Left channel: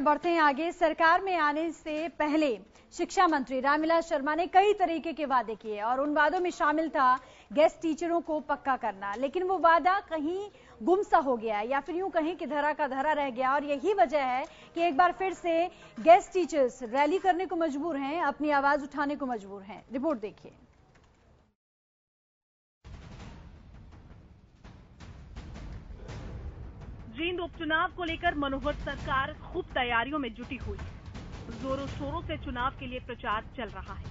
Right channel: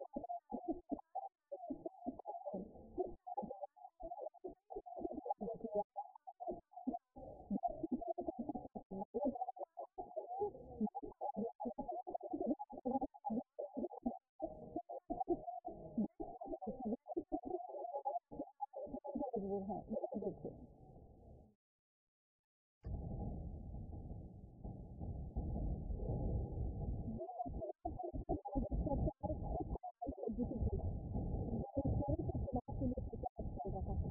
बढ़ते हैं आगे। सरकार में आने से पहले शिक्षा मंत्री रामविलास शर्मा ने कई तरीके के वादे किए और उन वादों में शामिल था गेस्ट टीचरों को पक्का करना, लेकिन वो वादा कहीं गुमसा हो गया या फिर यूं कहें कि धरा का धरा रह गया। और यही वजह है कि एक बार फिर से गेस्ट टीचर्स रैली करने को मजबूर हैं, अपनी आवाज उठाने को मजबूर हैं। रिपोर्ट देखिए। जींद उपचुनाव को लेकर मनोहर सरकार खूब तैयारियों में जुटी हुई है। जोरों शोरों से चुनाव के लिए प्रचार चल रहा है,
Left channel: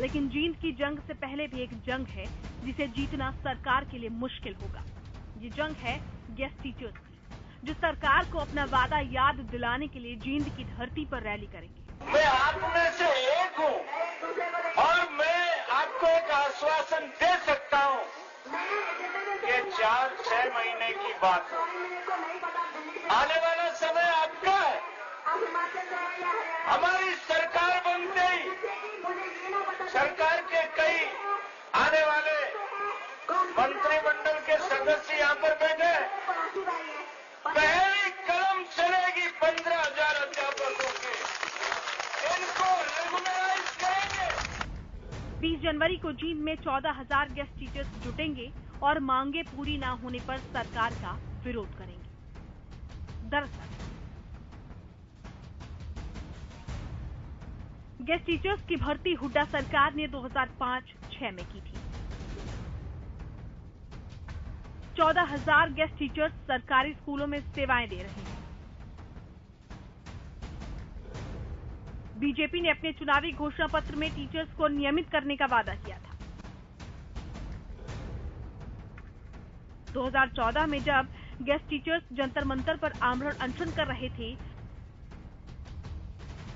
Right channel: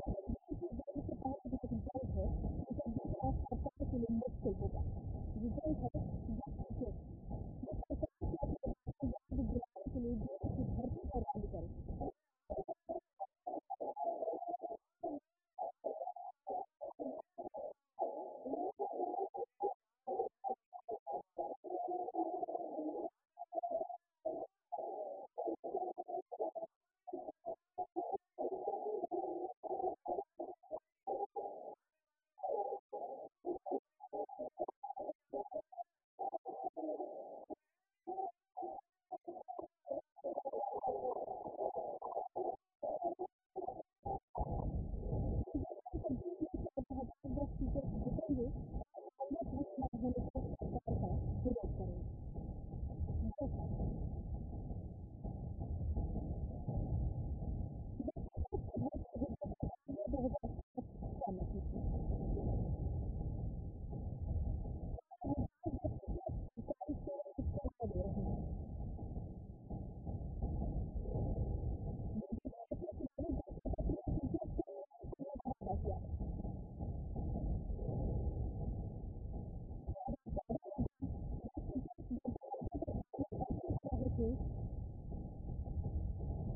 लेकिन जींद की जंग से पहले भी एक जंग है जिसे जीतना सरकार के लिए मुश्किल होगा। ये जंग है गेस्ट टीचर्स की, जो सरकार को अपना वादा याद दिलाने के लिए जींद की धरती पर रैली करेंगे। मैं आप में से एक हूँ और मैं आपको एक आश्वासन दे सकता हूँ कि 4-6 महीने की बात, आने वाला समय आपका है। हमारी सरकार बनते ही सरकार के कई आने वाले मंत्रिमंडल के सदस्य यहाँ पर बैठे, पहली कलम चलेगी 15,000 अध्यापकों के, इनको रेगुलराइज करेंगे। 20 जनवरी को जींद में 14,000 गेस्ट टीचर्स जुटेंगे और मांगे पूरी न होने पर सरकार का विरोध करेंगे। दरअसल गेस्ट टीचर्स की भर्ती हुड्डा सरकार ने 2005-06 में की थी। 14,000 गेस्ट टीचर्स सरकारी स्कूलों में सेवाएं दे रहे हैं। बीजेपी ने अपने चुनावी घोषणा पत्र में टीचर्स को नियमित करने का वादा किया था। 2014 में जब गेस्ट टीचर्स जंतर मंतर पर आमरण अनशन कर रहे थे,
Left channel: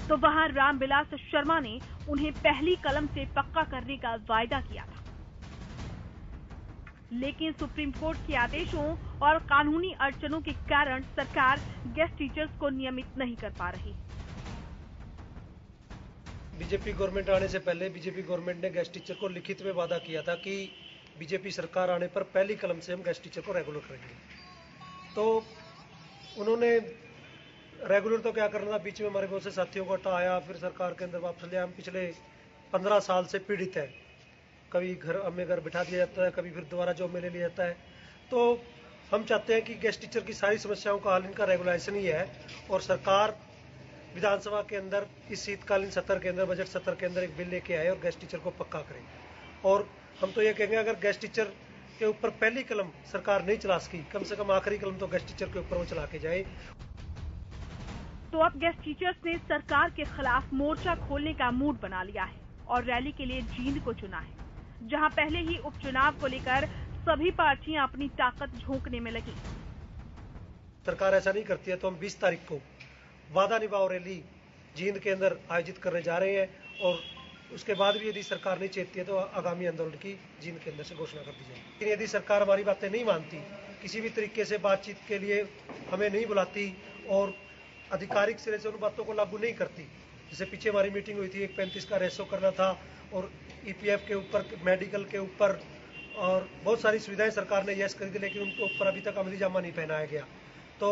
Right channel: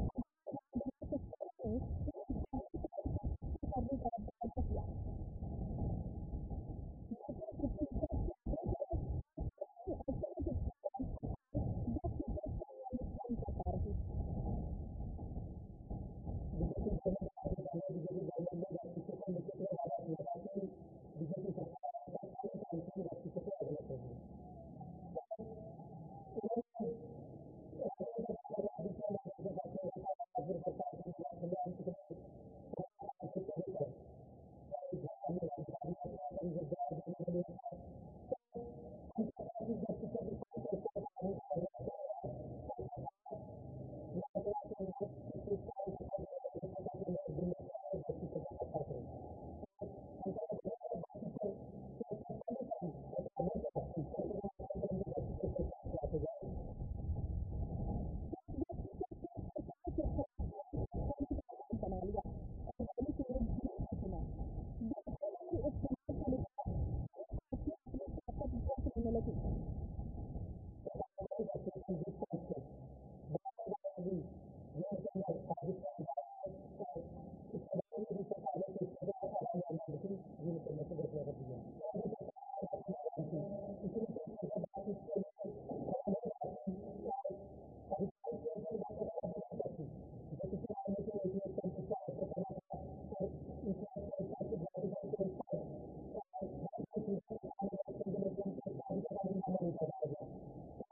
तो वहां रामविलास शर्मा ने उन्हें पहली कलम से पक्का करने का वायदा किया था। लेकिन सुप्रीम कोर्ट के आदेशों और कानूनी अड़चनों के कारण सरकार गेस्ट टीचर्स को नियमित नहीं कर पा रही। बीजेपी गवर्नमेंट आने से पहले बीजेपी गवर्नमेंट ने गेस्ट टीचर को लिखित में वादा किया था कि बीजेपी सरकार आने पर पहली कलम से हम गेस्ट टीचर को रेगुलर करेंगे। तो उन्होंने रेगुलर तो क्या करना था, बीच में हमारे बहुत से साथियों को हटा आया, फिर सरकार के अंदर वापस ले आया। हम पिछले 15 साल से पीड़ित है, कभी घर हमें घर बिठा दिया जाता है, कभी फिर दोबारा जॉब में ले लिया जाता है। तो हम चाहते हैं कि गेस्ट टीचर की सारी समस्याओं का हल इनका रेगुलाइजेशन ही है और सरकार विधानसभा के अंदर इस शीतकालीन सत्र के अंदर, बजट सत्र के अंदर एक बिल लेके आए और गेस्ट टीचर को पक्का करें। और हम तो ये कहेंगे, अगर गेस्ट टीचर के ऊपर पहली कलम सरकार नहीं चला सकी, कम से कम आखिरी कलम तो गेस्ट टीचर के ऊपर वो चला के जाए। तो अब गेस्ट टीचर्स ने सरकार के खिलाफ मोर्चा खोलने का मूड बना लिया है और रैली के लिए जींद को चुना है, जहां पहले ही उपचुनाव को लेकर सभी पार्टियां अपनी ताकत झोंकने में लगी। सरकार ऐसा नहीं करती है तो हम 20 तारीख को वादा निभाओ रैली जींद के अंदर आयोजित करने जा रहे हैं और उसके बाद भी यदि सरकार नहीं चेतती है तो आगामी आंदोलन की जींद के अंदर से घोषणा कर दी जाएगी। लेकिन यदि सरकार हमारी बातें नहीं मानती, किसी भी तरीके से बातचीत के लिए हमें नहीं बुलाती और आधिकारिक सिरे से उन बातों को लागू नहीं करती, जैसे पीछे हमारी मीटिंग हुई थी, एक 35 का रेशो करना था और ईपीएफ के ऊपर, मेडिकल के ऊपर और बहुत सारी सुविधाएं सरकार ने यस कर दी, लेकिन उनके ऊपर अभी तक अमली जामा नहीं पहनाया गया। तो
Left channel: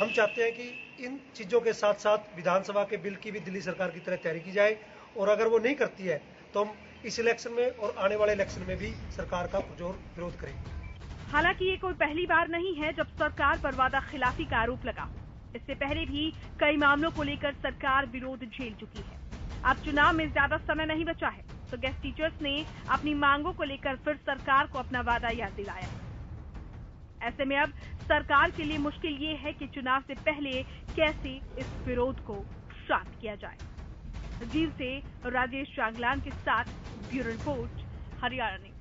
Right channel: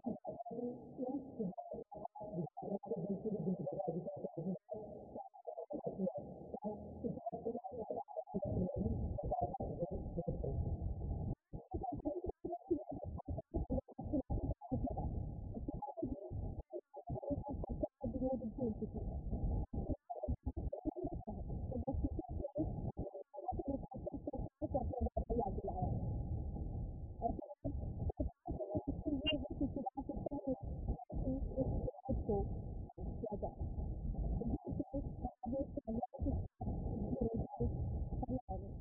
हम चाहते हैं कि इन चीजों के साथ साथ विधानसभा के बिल की भी दिल्ली सरकार की तरह तैयारी की जाए और अगर वो नहीं करती है तो हम इस इलेक्शन में और आने वाले इलेक्शन में भी सरकार का पुरजोर विरोध करेंगे। हालांकि ये कोई पहली बार नहीं है जब सरकार पर वादा खिलाफी का आरोप लगा हो। इससे पहले भी कई मामलों को लेकर सरकार विरोध झेल चुकी है। अब चुनाव में ज्यादा समय नहीं बचा है, तो गेस्ट टीचर्स ने अपनी मांगों को लेकर फिर सरकार को अपना वादा याद दिलाया है। ऐसे में अब सरकार के लिए मुश्किल ये है कि चुनाव से पहले कैसे इस विरोध को शांत किया जाए। जींद से राजेश चांगलांग के साथ ब्यूरो रिपोर्ट, हरियाणा न्यूज।